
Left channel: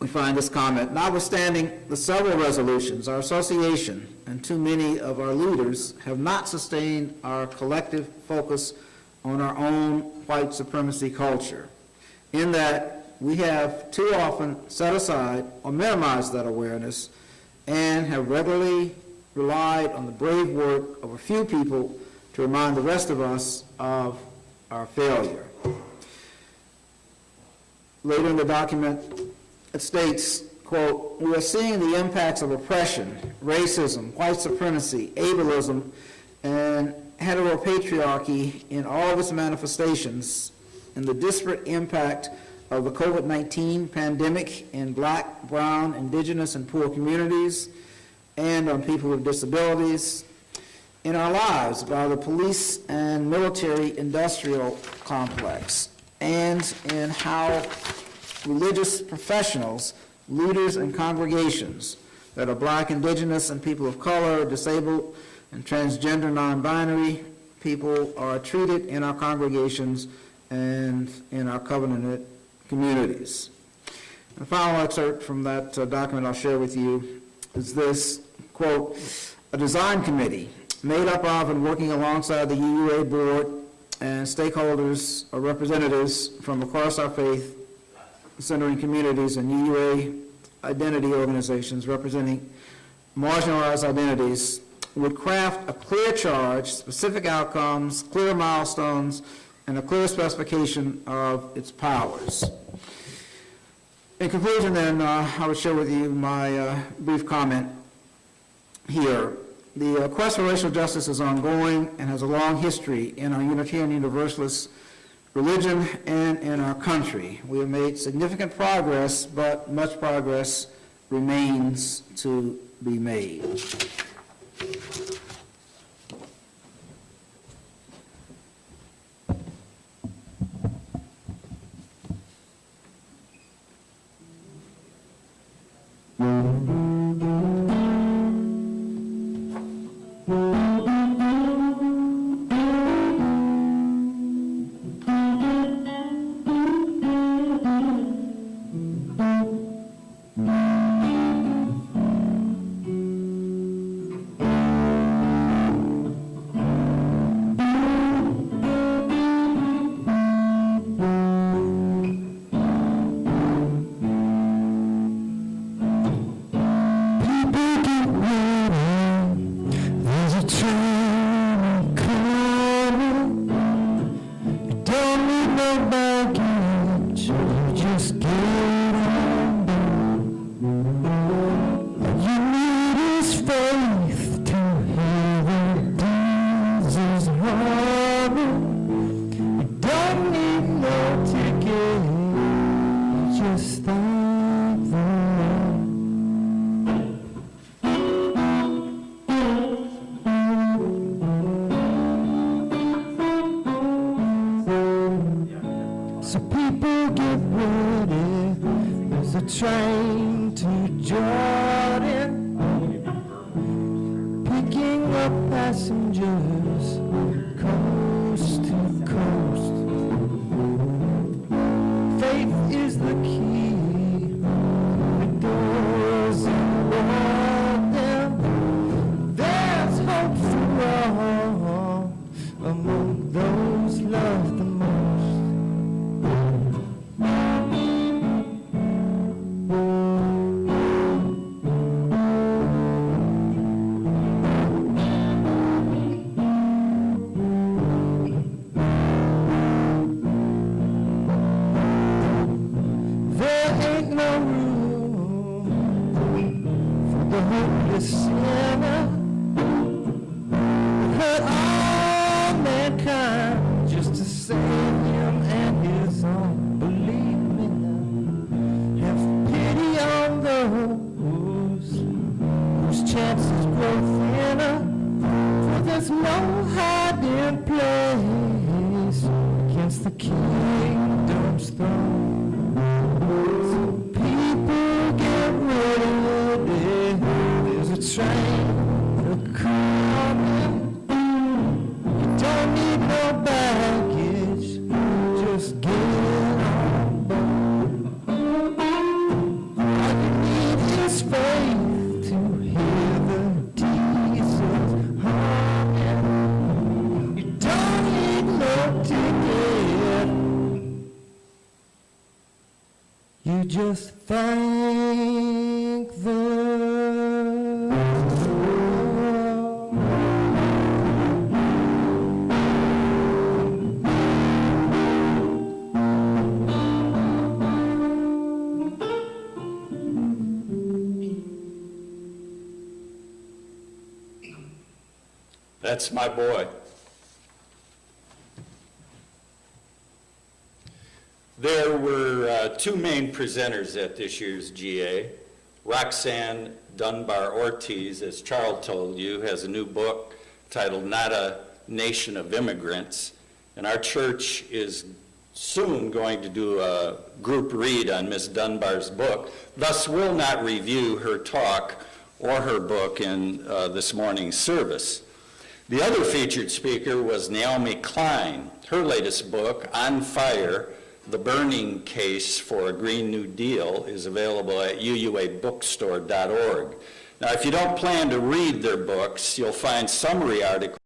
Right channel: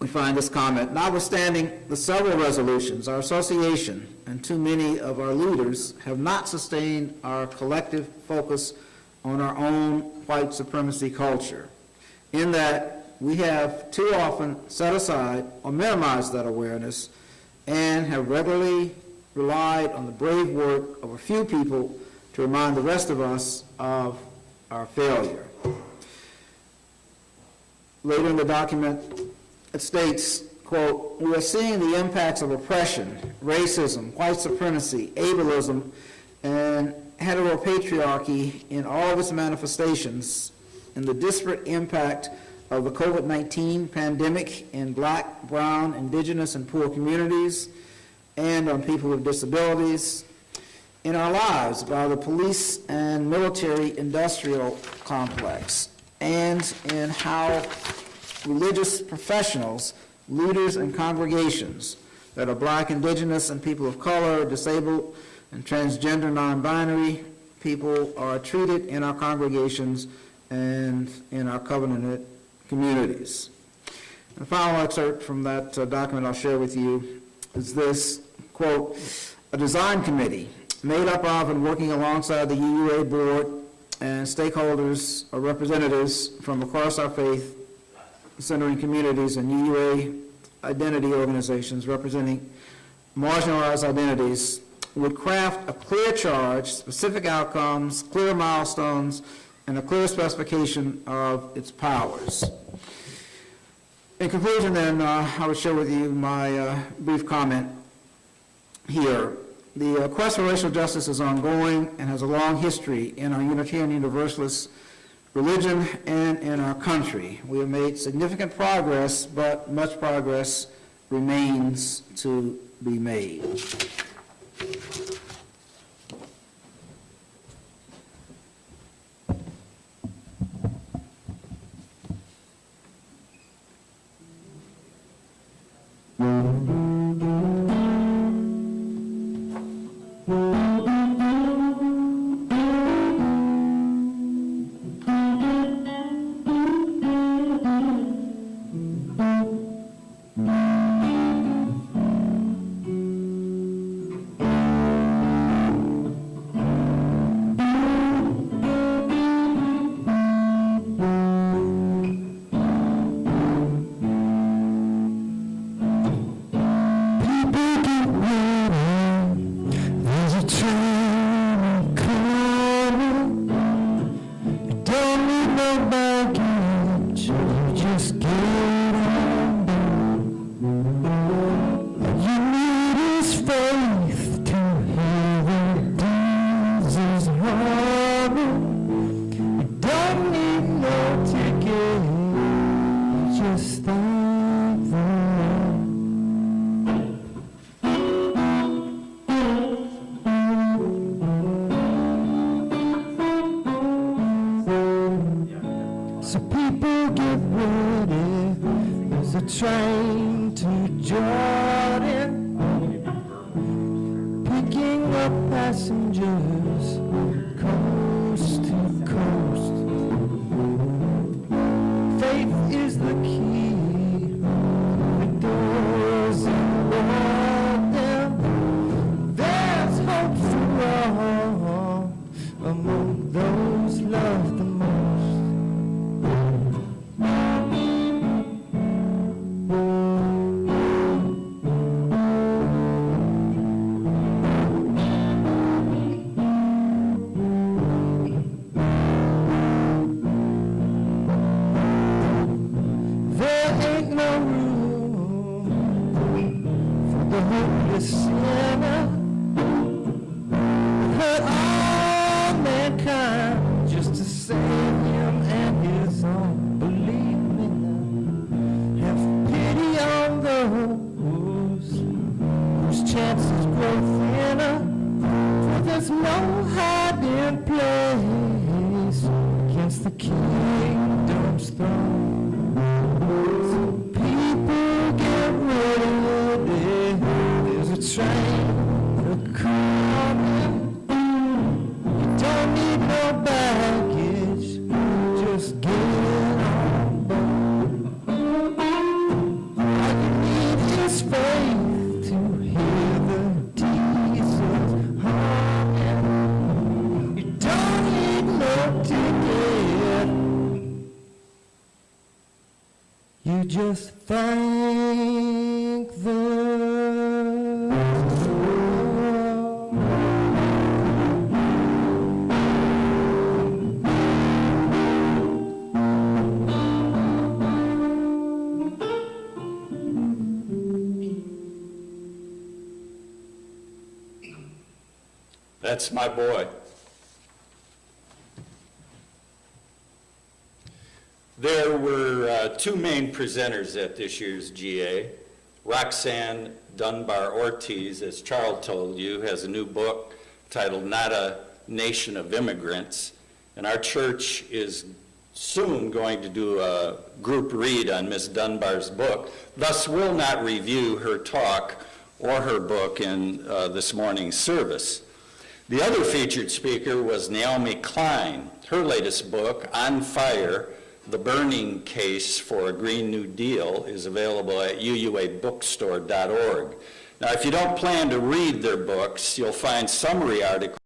we find this comment, notwithstanding the several resolutions, our association and too many of our leaders have not sustained our collective focus on our own white supremacy culture, in that we have too often set aside or minimized that awareness and have regularly relied on the brave work of a few people to remind the rest of us of our failure. Later in the document, it states, quote, we are seeing the impacts of oppression, racism, white supremacy, ableism, and heteropatriarchy in all of its manifestations, and the disparate impact of the COVID-19 pandemic in Black, brown, indigenous, and poor communities, and on people with disabilities, in our lives by the police and military industrial complex, and in how religious professionals, leaders, and congregations that are Black, indigenous, and people of color, disabled, and transgender non-binary people are treated in our congregations and in our covenanted communities. The final excerpt from that document I'll share with you is this, quote, a design committee made up of and working alongside the UUA board and stakeholders or representatives from across our faith centering communities and UUA identity organizations representing marginalized identities would craft a clear charge, specific outcomes, clear milestones, and a clear specification of its powers. In conclusion, then, I will share with you my brief comment here. The quest for racial justice is ongoing and has a long history in our Unitarian Universalist religion and in our country. We have made significant progress, but much progress remains to be made. Train to Jordan, picking up passengers coast to coast. Faith is the key, the doors unlock them. There's hope for all among those loved the most. You just thank the That's my boy. There were two main presenters at this year's GA. Roxanne Dunbar Ortiz, as Charles told you, has a new book titled Not a Nation of Immigrants, and our church is soon going to do a group read on Miss Dunbar's book. Thus, we'll not review her talk or her book in this morning's service. The other featured speaker was Naomi Klein. Her latest book, On Fire, The Burning Case for a Green New Deal, is available at uuabookstore.org. Now, if you don't plan to read their books, you'll find summary articles